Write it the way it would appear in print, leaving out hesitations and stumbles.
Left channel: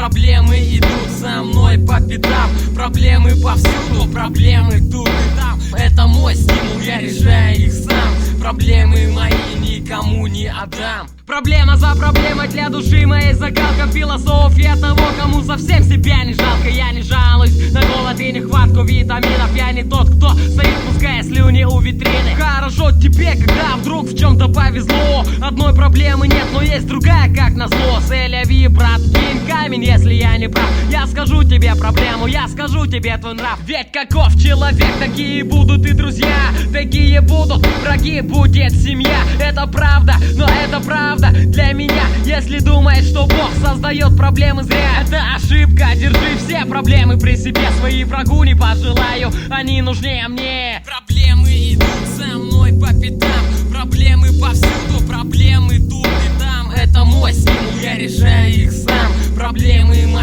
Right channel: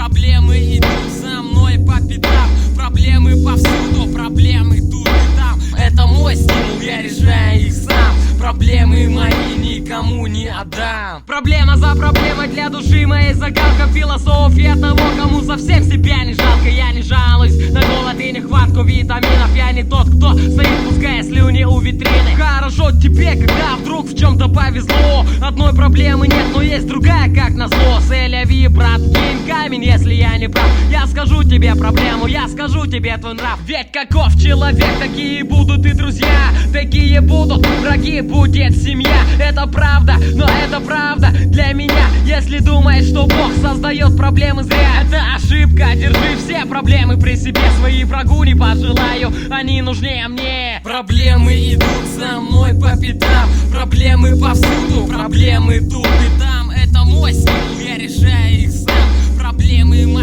Проблемы идут за мной по пятам. Проблемы повсюду, проблемы тут и там. Это мой стимул, я решаю их сам. Проблемы мои никому не отдам. Проблемы идут за мной по пятам. Проблемы повсюду, проблемы тут и там. Это мой стимул, я решаю их сам. Проблемы мои